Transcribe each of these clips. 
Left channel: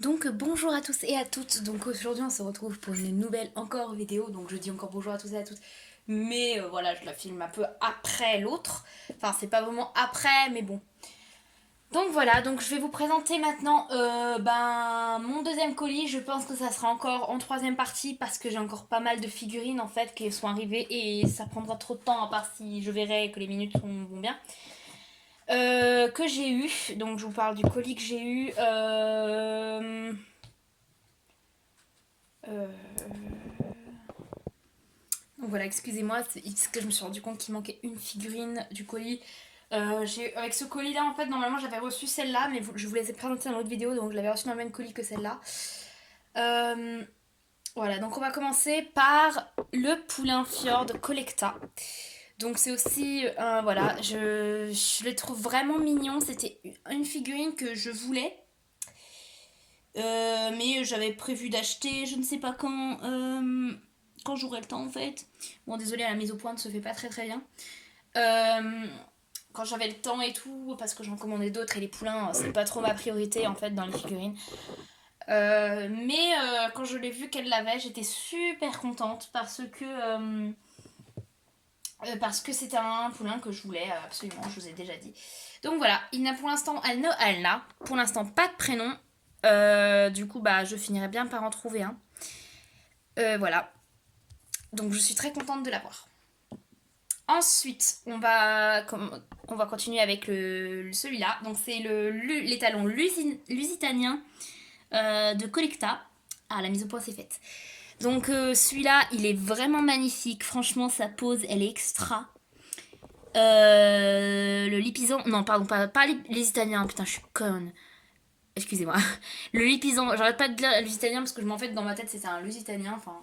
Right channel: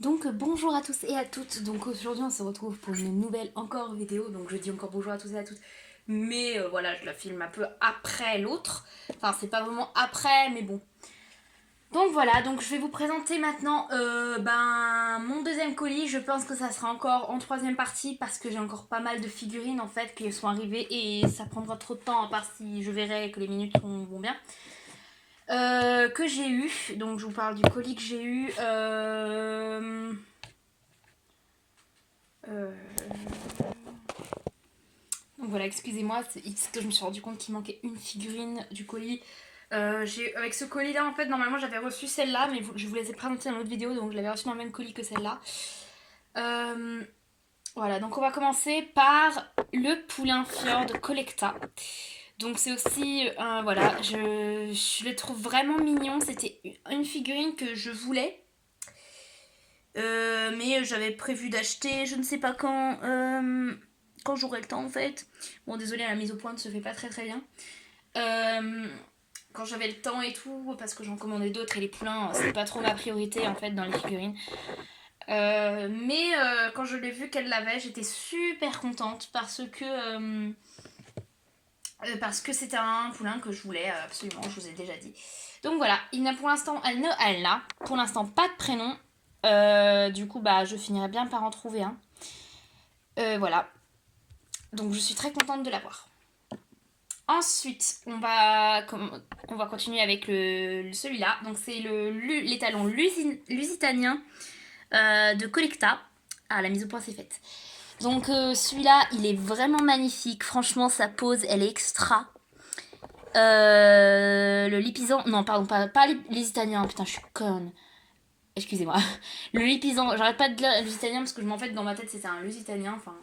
Donc bonjour à tous et à toutes. Donc aujourd'hui on se retrouve pour une nouvelle encore vidéo. Donc je dis encore bonjour à tous et à toutes. Mais voilà, je la filme un peu après l'autre. Enfin c'est pas vraiment après mais bon. Donc voilà, donc je vais vous présenter maintenant mon deuxième colis. Je pense que ça sera encore en troisième partie parce que j'ai encore pas mal de figurines en fait qui sont arrivées et ça prendra trop de temps à part si je verrai que les minutes vont bien. Que j'ai eu, donc je vous parle du colis que j'ai eu. Euh, Donc voilà, excusez-moi, c'est parce que je me suis rendu compte qu'il manquait une figurine du colis. Avec ce colis-là, en fait, normalement j'avais reçu celle-là, mais je vous les ai présentées dans l'autre vidéo, donc je l'avais reçue dans le même colis que celle-là. Euh, voilà, donc on va commencer par le Poulain Fjord Collecta. Donc c'est aussi, voilà, je le trouve vraiment mignon. C'était une figurine que je voulais, mais j'avais prévu d'acheter, je ne sais pas quand j'aurai le temps en fait. Bon, désolé, la mise au point ne se fait pas très très bien. Euh, Quand j'avais le temps et tout, parce que j'en commandais d'autres et les poulains, c'est pas trop ma priorité en fait dans les figurines. Mais quand je l'ai vu qu'elle l'avait, j'étais super contente parce que c'était un poulain que je voulais absolument, je vous ai déjà dit. Donc voilà, il n'a pour l'instant, elle n'a pour l'instant pas de prénom. Du coup, bah, je finirai bien par en trouver un. Voilà, donc je suis très contente de l'avoir. Ensuite, on va continuer avec celui-là. Donc c'est l'étalon lusitanien de Collecta. Ah, la mise au point c'est faite. Donc celui-là, il est vraiment magnifique. Franchement, sa pose, elle est extra. Le lipisan, non pardon, pas l'Usitanien, putain je suis conne. Excusez-moi. Le lipisan, j'arrête pas de dire Lusitanien parce que je m'en fait dans ma tête c'était un Lusitanien, enfin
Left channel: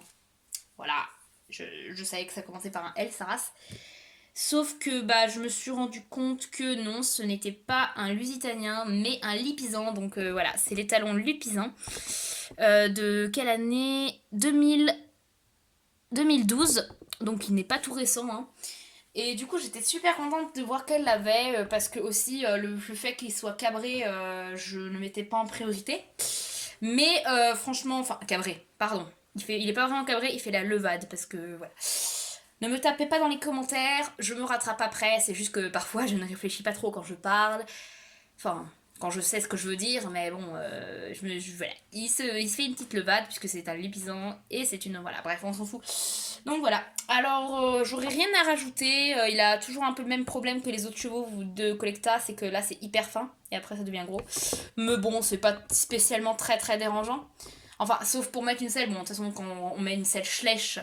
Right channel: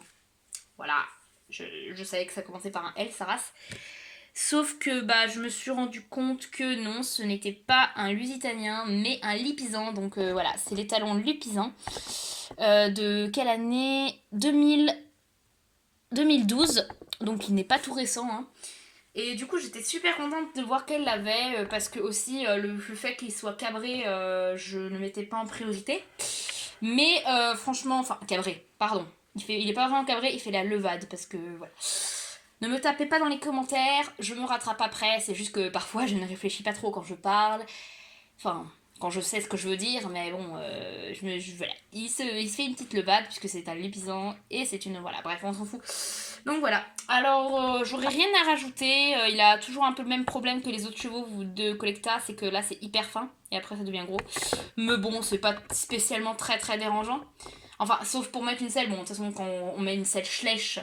voilà. Je savais que ça commençait par un L, sa race. Sauf que bah, je me suis rendu compte que non, ce n'était pas un Lusitanien, mais un Lipisan. Donc voilà, c'est l'étalon Lipisan. De quelle année 2012. Donc il n'est pas tout récent. Hein. Et du coup, j'étais super contente de voir qu'elle l'avait, parce que aussi le fait qu'il soit cabré, je ne mettais pas en priorité. Mais franchement, enfin, cabré, pardon. Il est pas vraiment cabré, il fait la levade, parce que voilà. Ne me tapez pas dans les commentaires, je me rattrape après, c'est juste que parfois je ne réfléchis pas trop quand je parle. Enfin, quand je sais ce que je veux dire, mais bon, voilà. Il se fait une petite levade puisque c'est un lépisant et c'est une. Voilà, bref, on s'en fout. Donc voilà. Alors, j'aurais rien à rajouter. Il a toujours un peu le même problème que les autres chevaux de Collecta, c'est que là c'est hyper fin et après ça devient gros. Mais bon, c'est pas spécialement très très dérangeant. Enfin, sauf pour mettre une selle. Bon, de toute façon, quand on met une selle Schleich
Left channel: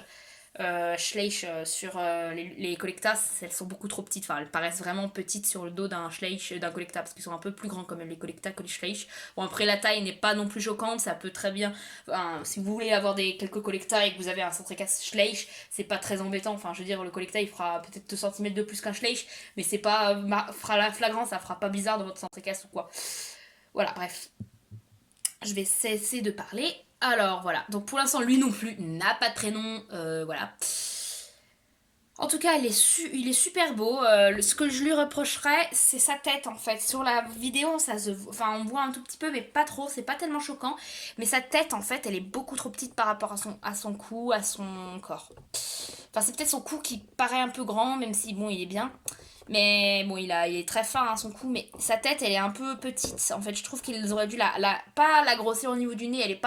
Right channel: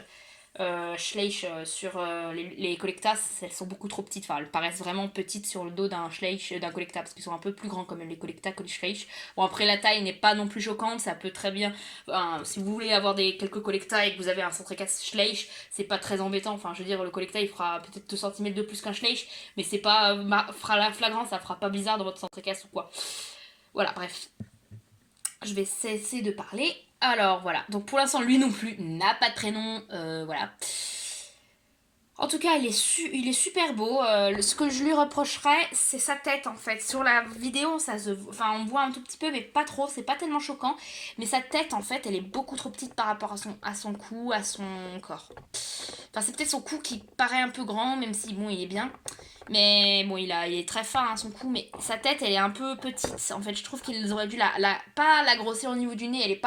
sur les Collectas, elles sont beaucoup trop petites. Enfin, elles paraissent vraiment petites sur le dos d'un Schleich, d'un Collecta, parce qu'ils sont un peu plus grands quand même les Collecta que les Schleich. Bon, après, la taille n'est pas non plus choquante, ça peut très bien. Enfin, si vous voulez avoir quelques Collecta et que vous avez un centre-casse Schleich, c'est pas très embêtant. Enfin, je veux dire, le Collecta il fera peut-être 2 cm de plus qu'un Schleich, mais c'est pas. Fera la flagrant, ça fera pas bizarre dans votre centre-casse ou quoi. Voilà, bref. Je vais cesser de parler. Alors voilà, donc pour l'instant lui non plus n'a pas de prénom, voilà. En tout cas, il est super beau. Ce que je lui reprocherais, c'est sa tête en fait. Sur la vidéo, enfin, on voit un tout petit peu, mais pas trop. C'est pas tellement choquant. Mais sa tête, en fait, elle est beaucoup trop petite par rapport à son cou, à son corps. Enfin, c'est peut-être son cou qui paraît un peu grand, même si bon, il est bien. Mais bon, il est très fin, hein, son cou. Mais sa tête, elle est un peu petite. En fait, je trouve qu'ils auraient dû pas la grossir au niveau du nez.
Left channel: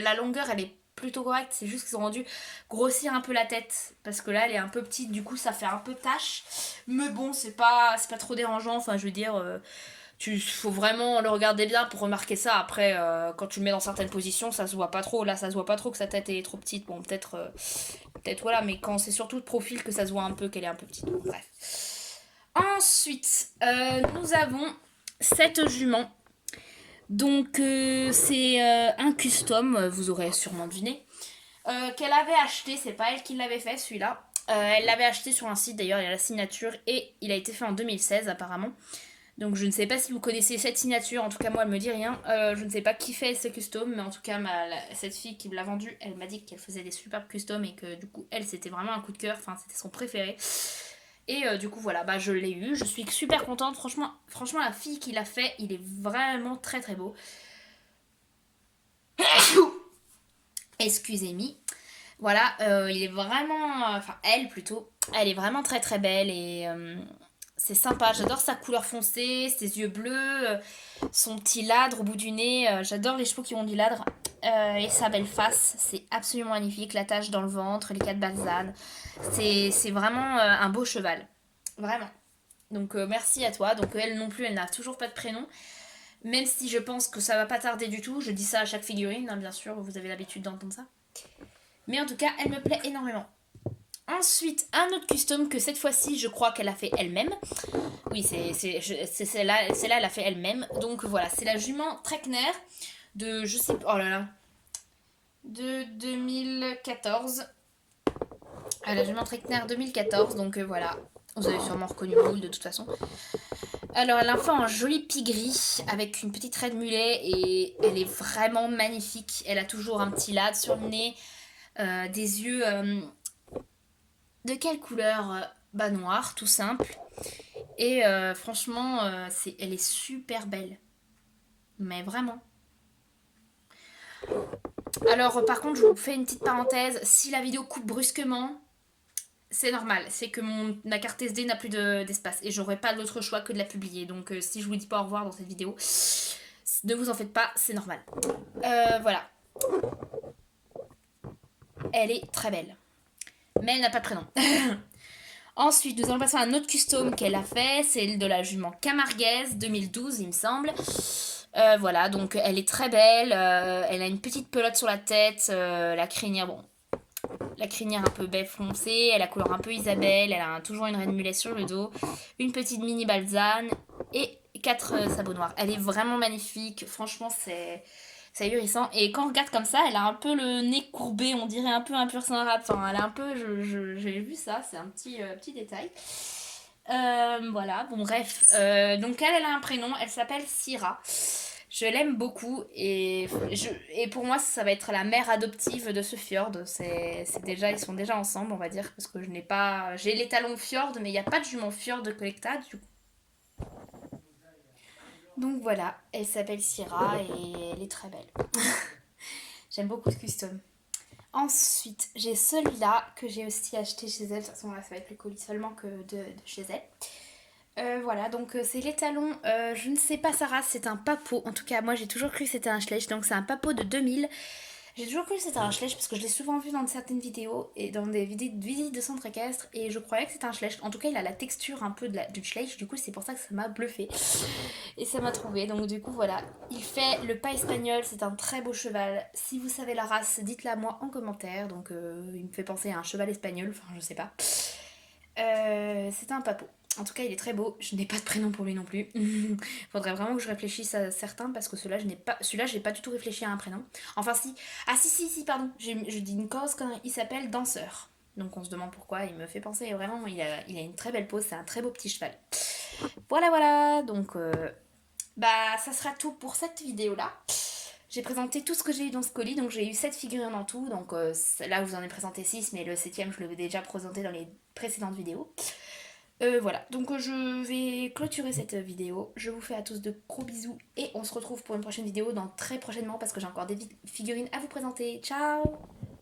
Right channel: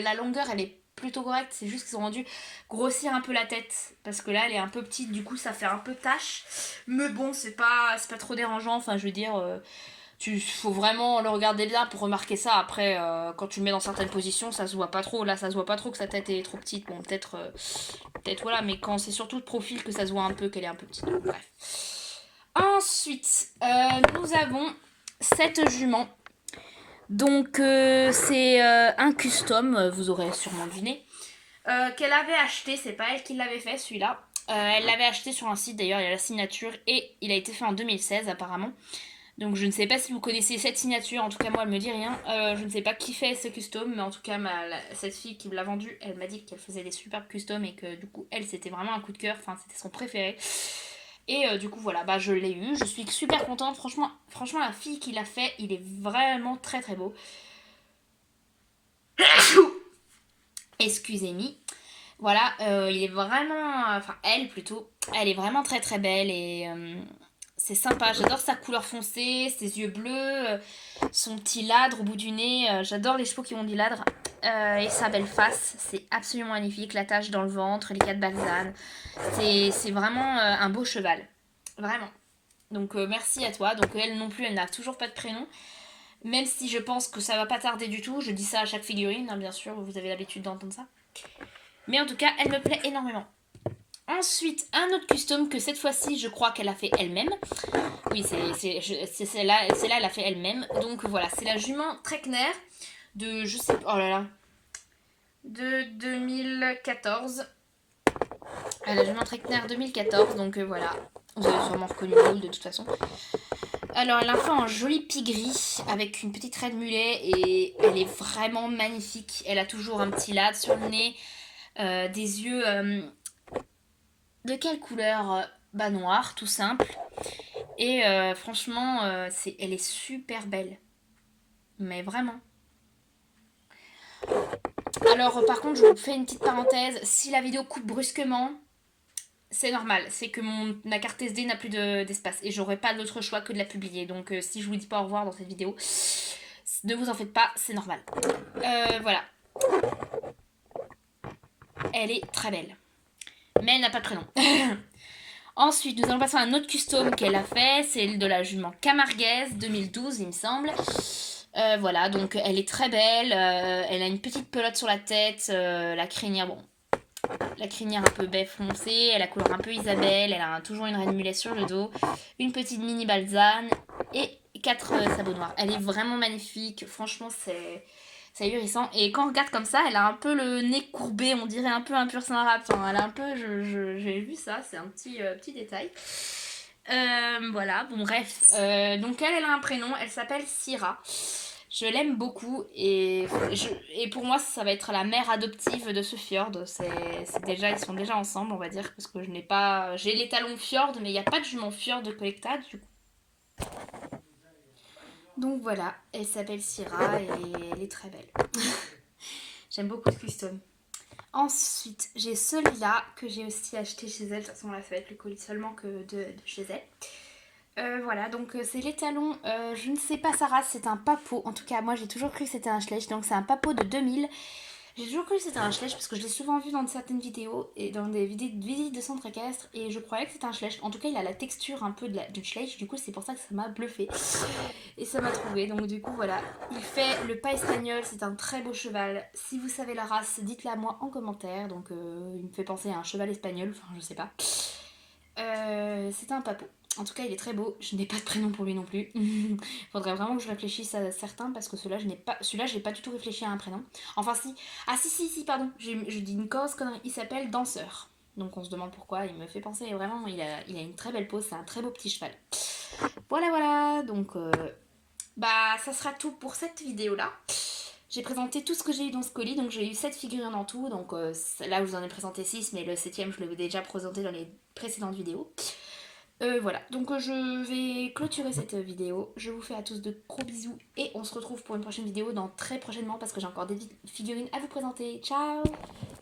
La longueur, elle est plutôt correcte. C'est juste qu'ils ont dû grossir un peu la tête parce que là elle est un peu petite, du coup ça fait un peu tache, mais bon c'est pas trop dérangeant. Enfin je veux dire, faut vraiment le regarder bien pour remarquer ça. Après quand tu le mets dans certaines positions ça se voit pas trop, là ça se voit pas trop que sa tête est trop petite. Bon peut-être voilà, mais quand c'est surtout de profil que ça se voit un peu qu'elle est un peu petite. Bon, bref. Ensuite nous avons cette jument. Donc c'est un custom, vous aurez sûrement deviné, qu'elle avait acheté, c'est pas elle qui l'avait fait celui-là. Elle l'avait acheté sur un site, d'ailleurs il y a la signature, et il a été fait en 2016 apparemment. Donc je ne sais pas si vous connaissez cette signature, en tout cas moi elle me dit rien. Je ne sais pas qui fait ce custom, mais en tout cas cette fille qui me l'a vendu, elle m'a dit qu'elle faisait des superbes customs et que du coup elle c'était vraiment un coup de cœur, enfin c'était son préféré. Et du coup voilà, bah je l'ai eu, je suis super contente, franchement la fille qui l'a fait, il est vraiment très très beau. Excusez-moi. Voilà, il est vraiment... Enfin, elle plutôt. Elle est vraiment très très belle et c'est sympa. J'adore sa couleur foncée, ses yeux bleus, son petit ladre au bout du nez. J'adore les chevaux qui ont du ladre. Et sa belle face, c'est absolument magnifique. La tache dans le ventre, les quatre balsanes. C'est vraiment un beau cheval. Vraiment. Donc merci à toi. Donc elle non plus, elle n'a toujours pas de prénom. Même si je pense que ça va pas tarder du tout. Je dis ça à chaque figurine, hein, bien sûr. Vous avez l'habitude d'entendre ça. Mais en tout cas, elle me plaît énormément. Ensuite, un autre custom que cette fois-ci, je crois qu'elle a fait elle-même. Oui, c'est celle-là, elle a fait elle-même. Donc voilà, c'est la jument Trekner de, je sais pas, oh là là, de 2014. La jument Trekner 2014, donc voilà. Vous avez sûrement reconnu le de toute façon. Alors, elle a fait un joli pigris avec une petite raie de mulet et elle est vraiment magnifique. Elle a toujours un petit lad sur le nez, des yeux de quelle couleur? Bah noir, tout simple. Et franchement, elle est super belle. Mais vraiment. Alors par contre, je vous fais une petite parenthèse. Si la vidéo coupe brusquement, c'est normal. C'est que ma carte SD n'a plus d'espace. Et j'aurai pas d'autre choix que de la publier. Donc si je vous dis pas au revoir dans cette vidéo, ne vous en faites pas, c'est normal. Voilà. Elle est très belle. Mais elle n'a pas de prénom. Ensuite, nous allons passer à un autre custom qu'elle a fait, c'est de la jument Camarguaise 2012, il me semble. Voilà, donc elle est très belle, elle a une petite pelote sur la tête, la crinière, bon, la crinière un peu baie foncée, elle a couleur un peu Isabelle, elle a toujours une reine mulet sur le dos, une petite mini balzane et 4 sabots noirs. Elle est vraiment magnifique, franchement c'est ahurissant. Et quand on regarde comme ça, elle a un peu le nez courbé, on dirait un peu un pur saint rapin. Elle a un peu, j'ai vu ça, c'est un petit détail. Voilà, bon bref. Donc elle a un prénom, elle s'appelle Syrah. Je l'aime beaucoup et pour moi ça va être la mère adoptive de ce fjord. Ils sont déjà ensemble on va dire parce que je n'ai pas, j'ai les talons fjord mais il n'y a pas de jument fjord de collecta du coup. Donc voilà, elle s'appelle Syrah et elle est très belle. J'aime beaucoup ce custom. Ensuite, j'ai celui-là que j'ai aussi acheté chez elle. De toute façon, là, ça va être le colis seulement que de chez elle. Voilà, donc c'est les talons. Je ne sais pas sa race, c'est un papo. En tout cas, moi, j'ai toujours cru que c'était un Schleich. Donc, c'est un papo de 2000. J'ai toujours cru que c'était un Schleich parce que je l'ai souvent vu dans certaines vidéos et dans des vidéos de visites de centre équestre et je croyais que c'était un Schleich. En tout cas, il a la texture un peu du Schleich, du coup, c'est pour ça que ça m'a bluffé et ça m'a trouvé. Donc, du coup, voilà. Il fait le pas espagnol, c'est un très beau cheval. Si vous savez la race, dites-la moi en commentaire. Donc, il me fait penser à un cheval espagnol, enfin, je sais pas. C'est un papo. En tout cas, il est très beau. Je n'ai pas de prénom pour lui non plus. Faudrait vraiment que je réfléchisse à certains parce que celui-là, j'ai pas du tout réfléchi à un prénom. Enfin, si. Ah, si, pardon. Je dis une grosse connerie. Il s'appelle Danseur. Donc, on se demande pourquoi. Il me fait penser vraiment. Il a une très belle pose. C'est un très beau petit cheval. Voilà. Donc, bah, ça sera tout pour cette vidéo-là. J'ai présenté tout ce que j'ai eu dans ce colis. Donc, j'ai eu 7 figurines en tout. Donc, là, je vous en ai présenté 6. Mais le 7ème, je l'avais déjà présenté dans les précédentes vidéos. Voilà, donc je vais clôturer cette vidéo. Je vous fais à tous de gros bisous et on se retrouve pour une prochaine vidéo dans très prochainement parce que j'ai encore des figurines à vous présenter. Ciao!